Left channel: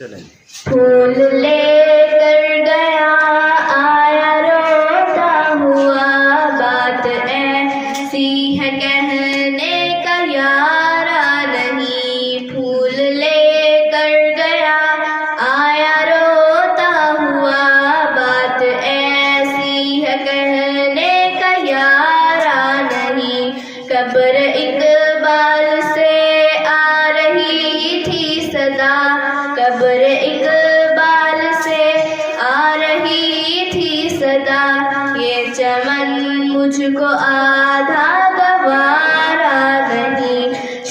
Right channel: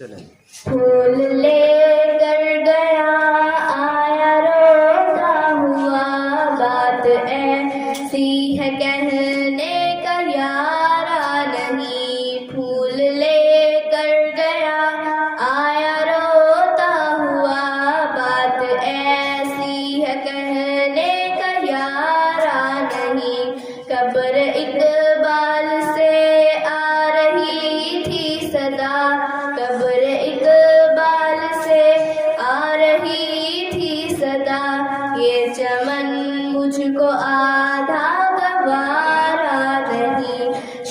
चलें। फूल लेकर गया आया रोता हुआ, बात ऐसी है कहने का यारा नहीं। फूल लेकर गया आया रोता हुआ, बात ऐसी है कहने का यारा नहीं। कब्र इकबाल से आ रही थी सदा, कब्र इकबाल से आ रही थी सदा। ये चमन मुझको आधा गवारा नहीं।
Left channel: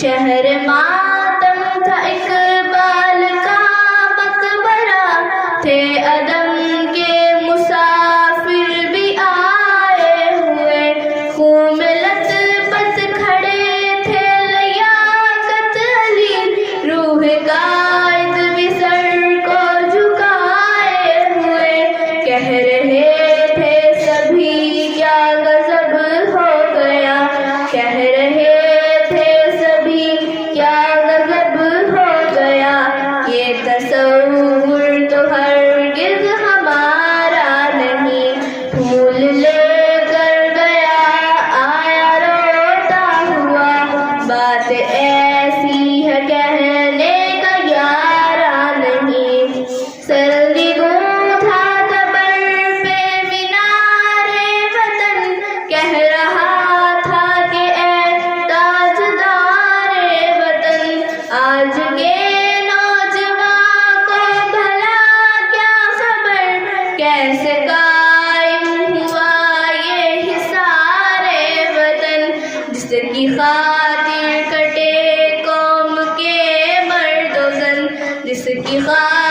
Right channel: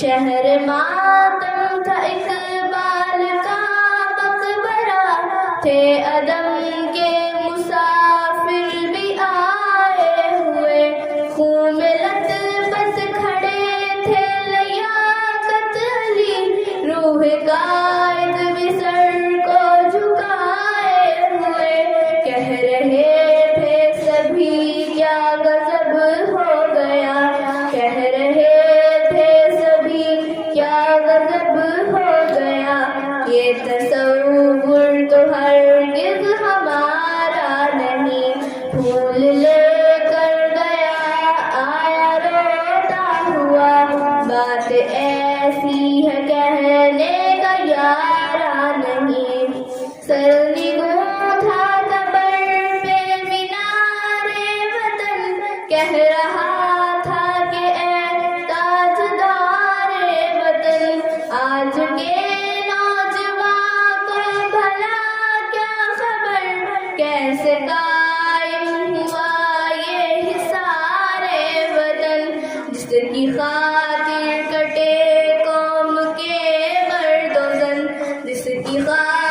शहर मातम था इकबाल का मकबरा, थे अदम के मुसाफिर भी आए हुए। खून में लथपथ खड़े थे लियाकत अली, रूह कायद भी सर को झुकाए हुए। कह रहे थे सभी क्या गजब हो गया, कह रहे थे सभी क्या गजब हो गया। ये तसव्वुर तो हरगिज़ हमारा नहीं। फूल लेकर गया आया रोता हुआ, बात ऐसी है कहने का यारा नहीं। सर्दी गूंथा था बर पे मीनारे वतन, कह रहा था कि ऐ ताजदारे वतन। आज के नौजवान को भला क्या खबर, कैसे कायम हुआ ये हिसारे वतन। जिसकी खातिर कटे कौम के मर्दो जन, जिसकी खातिर